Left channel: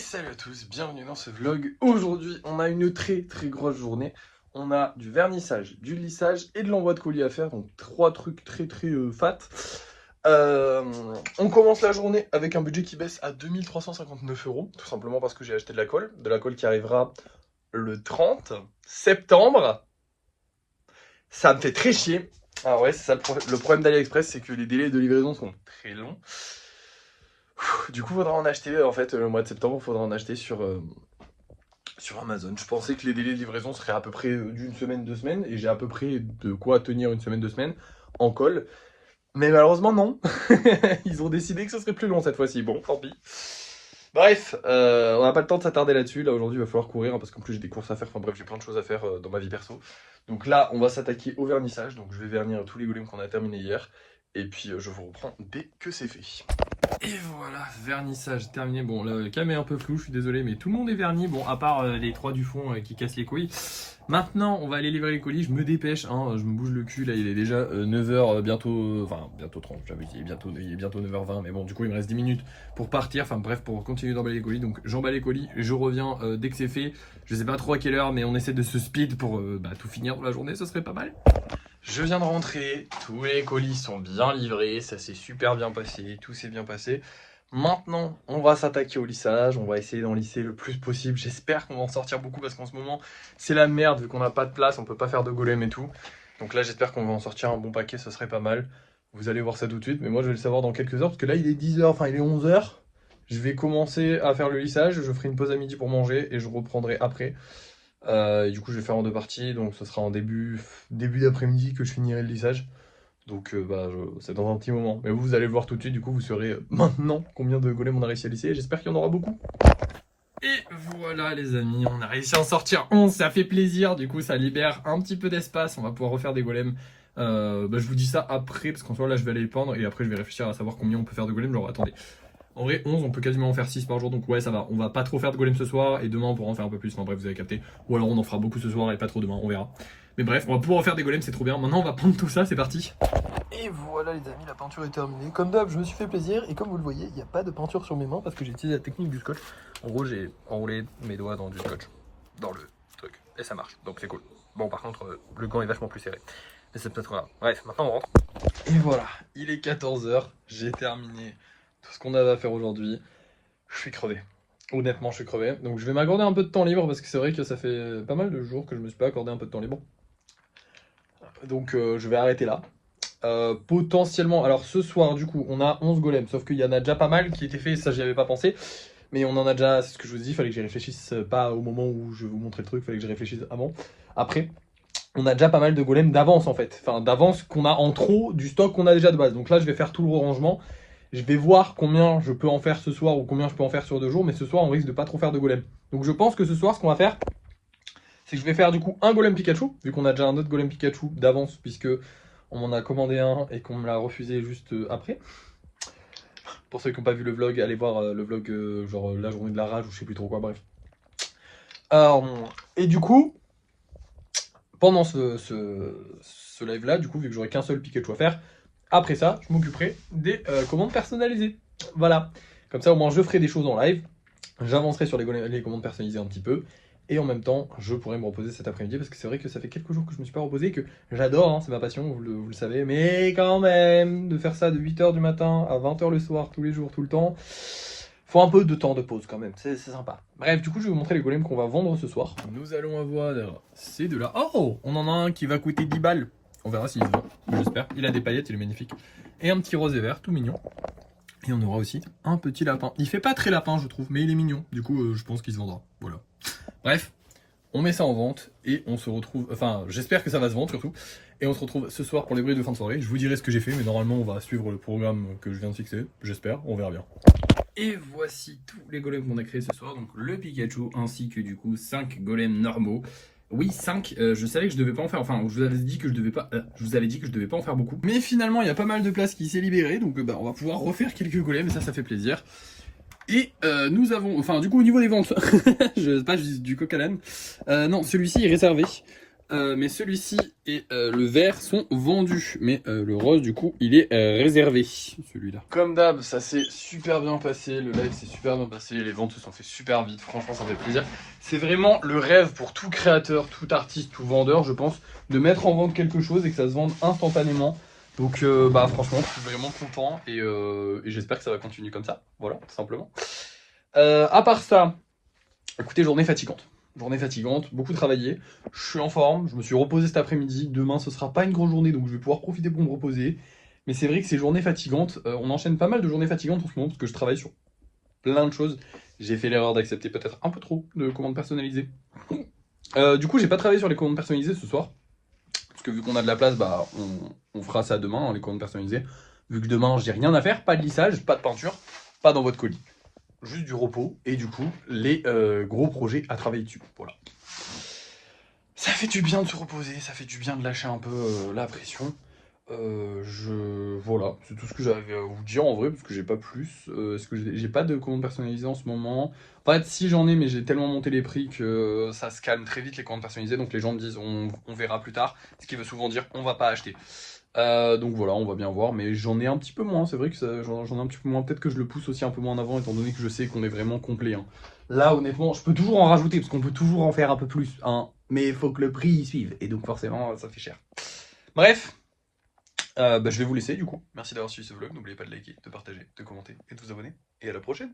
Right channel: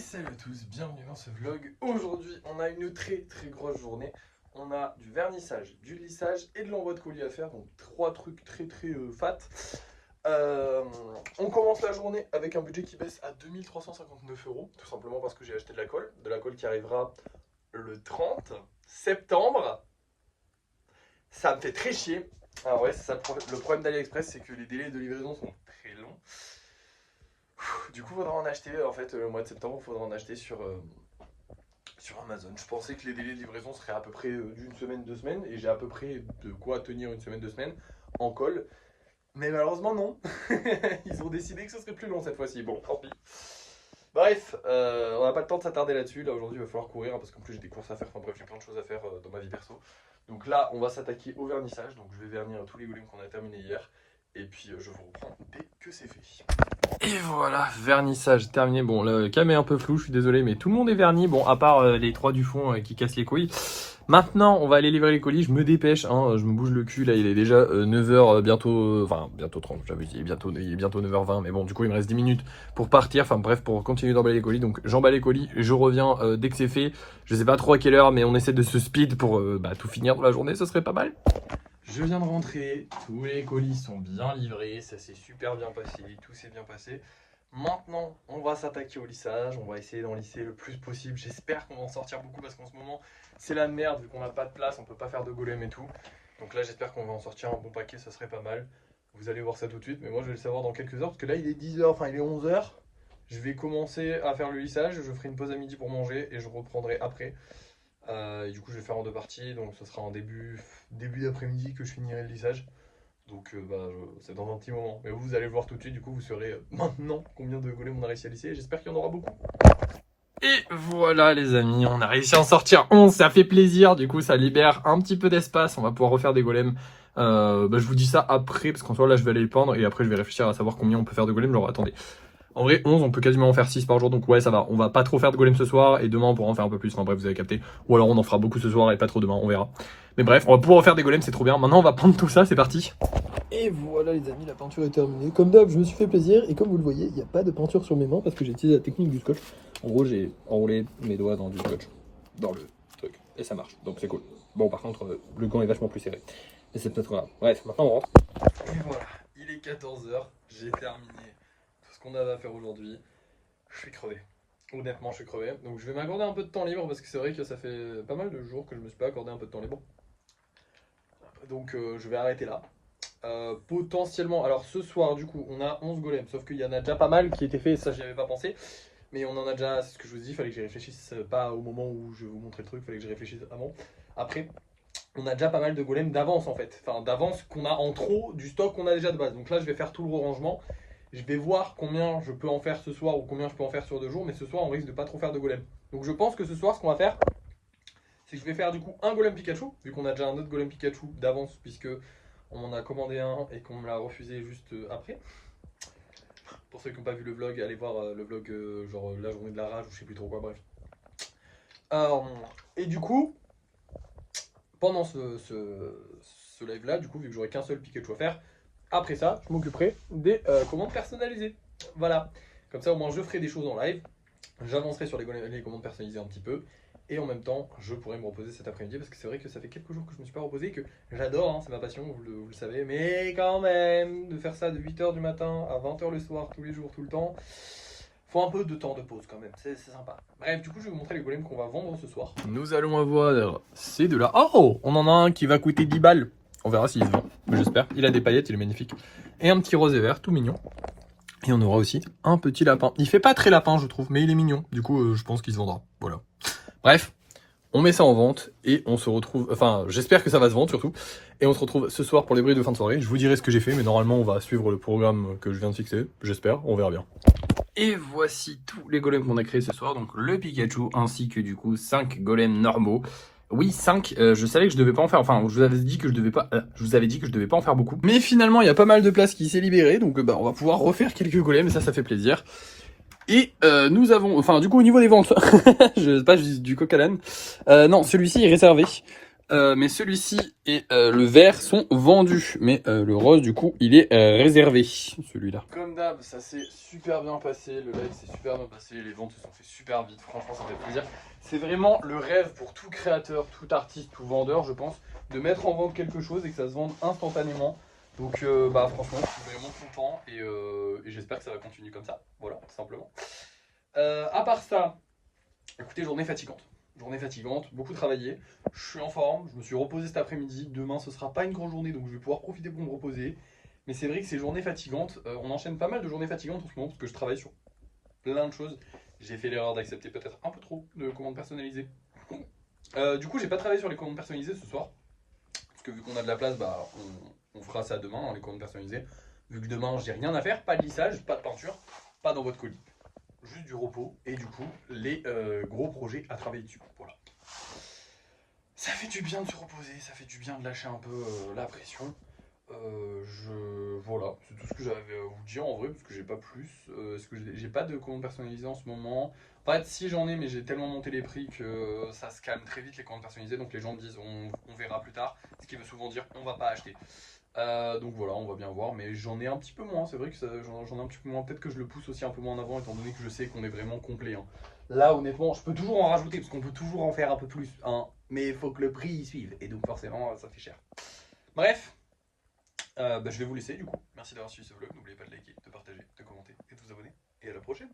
salut à tous, bienvenue dans ce vlog. Aujourd'hui, on a une très grosse journée. On a du vernissage, du lissage et de l'envoi de colis à faire. Donc 3 trucs très fat. On commence la journée avec un budget qui baisse à 2359 €. Tout simplement parce que j'ai acheté de la colle qui arrivera le 30 septembre. Ça me fait très chier. Alors ouais, c'est ça le problème d'AliExpress, c'est que les délais de livraison sont très longs. Du coup, faudra en acheter, en fait, le mois de septembre, il faudra en acheter sur Amazon. Je pensais que les délais de livraison seraient à peu près d'une semaine, 2 semaines, et j'ai à peu près de quoi tenir une semaine, 2 semaines en colle. Mais malheureusement, non. Ils ont décidé que ce serait plus long cette fois-ci. Bon, tant pis. Bref, on n'a pas le temps de s'attarder là-dessus. Là, aujourd'hui, il va falloir courir, hein, parce qu'en plus, j'ai des courses à faire. Enfin bref, j'ai plein de choses à faire dans ma vie perso. Donc là, on va s'attaquer au vernissage. Donc je vais vernir tous les golems qu'on a terminés hier. Et puis, je vous reprends dès que c'est fait. Et voilà, vernissage terminé. Bon, le cam est un peu flou, je suis désolé, mais tout le monde est verni. Bon, à part les 3 du fond qui cassent les couilles. Maintenant, on va aller livrer les colis. Je me dépêche, hein, je me bouge le cul. Là, il est déjà 9h bientôt. Enfin, bientôt 30. J'avais dit bientôt 9h20. Mais bon, du coup, il me reste 10 minutes pour partir. Enfin, bref, pour continuer d'emballer les colis. Donc, j'emballe les colis. Je reviens dès que c'est fait. Je sais pas trop à quelle heure, mais on essaie de se speed pour tout finir dans la journée. Ce serait pas mal. Je viens de rentrer, tous les colis sont bien livrés, ça s'est super bien passé, tout s'est bien passé. Maintenant, on va s'attaquer au lissage, on va essayer d'en lisser le plus possible. J'espère qu'on va en sortir beaucoup parce qu'en ce moment, c'est la merde vu qu'on n'a pas de place, on peut pas faire de golem et tout. Donc là, j'espère qu'on va en sortir un bon paquet, ce serait pas mal. Vous allez voir ça tout de suite, mais moi je vais le savoir dans quelques heures parce que là, il est 10h, enfin il est 11h. Je vais commencer à faire le lissage, je ferai une pause à midi pour manger et je reprendrai après. Et du coup, je vais faire en 2 parties, donc ce sera en début d'après-midi que je finirai le lissage. Donc c'est dans un petit moment. Mais vous allez le voir tout de suite, du coup, vous saurez maintenant combien de golems on a réussi à lisser. J'espère qu'il y en aura beaucoup. Et voilà les amis, on a réussi à en sortir 11, ça fait plaisir. Du coup, ça libère un petit peu d'espace, on va pouvoir refaire des golems. Je vous dis ça après, parce qu'en soi, là, je vais aller les peindre. Et après, je vais réfléchir à savoir combien on peut faire de golems. Genre, attendez. En vrai, 11, on peut quasiment en faire 6 par jour, donc ouais, ça va. On va pas trop faire de golem ce soir, et demain, on pourra en faire un peu plus. Enfin bref, vous avez capté. Ou alors, on en fera beaucoup ce soir, et pas trop demain, on verra. Mais bref, on va pouvoir faire des golems, c'est trop bien. Maintenant, on va peindre tout ça, c'est parti. Et voilà les amis, la peinture est terminée. Comme d'hab, je me suis fait plaisir, et comme vous le voyez, il n'y a pas de peinture sur mes mains, parce que j'ai utilisé la technique du scotch. En gros, j'ai enroulé mes doigts dans du scotch, dans le truc, et ça marche, donc c'est cool. Bon, par contre, le gant est vachement plus serré. Mais c'est peut-être là. Bref, maintenant on rentre. Et voilà, il est 14h, j'ai terminé tout ce qu'on avait à faire aujourd'hui. Je suis crevé. Honnêtement, je suis crevé. Donc je vais m'accorder un peu de temps libre parce que c'est vrai que ça fait pas mal de jours que je me suis pas accordé un peu de temps libre. Donc je vais arrêter là. Potentiellement, alors ce soir du coup, on a 11 golems, sauf qu'il y en a déjà pas mal qui étaient faits, ça j'y avais pas pensé. Mais on en a déjà, c'est ce que je vous dis, il fallait que j'y réfléchisse pas au moment où je vais vous montrer le truc, il fallait que j'y réfléchisse avant. Après, on a déjà pas mal de golems d'avance en fait. Enfin, d'avance qu'on a en trop du stock qu'on a déjà de base. Donc là, je vais faire tout le rangement. Je vais voir combien je peux en faire ce soir ou combien je peux en faire sur 2 jours. Mais ce soir, on risque de pas trop faire de golem. Donc je pense que ce soir, ce qu'on va faire, c'est que je vais faire du coup un golem Pikachu. Vu qu'on a déjà un autre golem Pikachu d'avance, puisque on m'en a commandé un et qu'on me l'a refusé juste après. Pour ceux qui n'ont pas vu le vlog, allez voir le vlog genre la journée de la rage ou je sais plus trop quoi, bref. Et du coup, pendant ce live là, du coup, vu que j'aurai qu'un seul Pikachu à faire, après ça, je m'occuperai des commandes personnalisées. Voilà. Comme ça, au moins, je ferai des choses en live. J'avancerai sur les commandes personnalisées un petit peu. Et en même temps, je pourrai me reposer cet après-midi. Parce que c'est vrai que ça fait quelques jours que je ne me suis pas reposé. Que j'adore, hein, c'est ma passion, vous le savez. Mais quand même, de faire ça de 8h du matin à 20h le soir, tous les jours, tout le temps, faut un peu de temps de pause quand même. C'est sympa. Bref, du coup, je vais vous montrer les golems qu'on va vendre ce soir. Nous allons avoir ces deux-là. Oh, on en a un qui va coûter 10 balles. On verra s'il se vend, j'espère. Il a des paillettes, il est magnifique. Et un petit rose et vert, tout mignon. Et on aura aussi un petit lapin. Il fait pas très lapin, je trouve, mais il est mignon. Du coup, je pense qu'il se vendra. Voilà. Bref, on met ça en vente et on se retrouve... Enfin, j'espère que ça va se vendre surtout. Et on se retrouve ce soir pour les bruits de fin de soirée. Je vous dirai ce que j'ai fait, mais normalement, on va suivre le programme que je viens de fixer. J'espère, on verra bien. Et voici tous les golems qu'on a créés ce soir. Donc le Pikachu ainsi que du coup 5 golems normaux. Oui, 5, je savais que je devais pas en faire, enfin, je vous avais dit que je devais pas en faire beaucoup. Mais finalement, il y a pas mal de place qui s'est libérée, donc on va pouvoir refaire quelques golems, et ça fait plaisir. Et nous avons, enfin, du coup, au niveau des ventes, je sais pas, je dis du coq à l'âne. Non, celui-ci est réservé. Mais celui-ci et le vert sont vendus. Mais le rose, du coup, il est réservé, celui-là. Comme d'hab, ça s'est super bien passé, le live s'est super bien passé, les ventes se sont fait super vite, franchement ça fait plaisir. C'est vraiment le rêve pour tout créateur, tout artiste, tout vendeur, je pense, de mettre en vente quelque chose et que ça se vende instantanément. Donc bah franchement, je suis vraiment content et j'espère que ça va continuer comme ça, voilà, tout simplement. À part ça, écoutez, journée fatigante. Journée fatigante, beaucoup travaillé. Je suis en forme, je me suis reposé cet après-midi. Demain, ce sera pas une grosse journée, donc je vais pouvoir profiter pour me reposer. Mais c'est vrai que ces journées fatigantes, on enchaîne pas mal de journées fatigantes en ce moment parce que je travaille sur plein de choses. J'ai fait l'erreur d'accepter peut-être un peu trop de commandes personnalisées. Du coup, j'ai pas travaillé sur les commandes personnalisées ce soir. Parce que vu qu'on a de la place, bah, on fera ça demain, hein, les commandes personnalisées. Vu que demain, j'ai rien à faire, pas de lissage, pas de peinture, pas dans votre colis. Juste du repos et du coup, les gros projets à travailler dessus. Voilà. Ça fait du bien de se reposer, ça fait du bien de lâcher un peu la pression. Voilà, c'est tout ce que j'avais à vous dire en vrai, parce que j'ai pas plus. Est-ce que j'ai pas de commandes personnalisées en ce moment? En fait, si j'en ai, mais j'ai tellement monté les prix que ça se calme très vite les commandes personnalisées. Donc les gens me disent on verra plus tard, ce qui veut souvent dire on va pas acheter. Donc voilà, on va bien voir, mais j'en ai un petit peu moins. C'est vrai que j'en ai un petit peu moins. Peut-être que je le pousse aussi un peu moins en avant, étant donné que je sais qu'on est vraiment complet, hein. Là, honnêtement, je peux toujours en rajouter, parce qu'on peut toujours en faire un peu plus, hein. Mais il faut que le prix y suive, et donc forcément, ça fait cher. Bref, bah, je vais vous laisser du coup. Merci d'avoir suivi ce vlog. N'oubliez pas de liker, de partager, de commenter et de vous abonner. Et à la prochaine!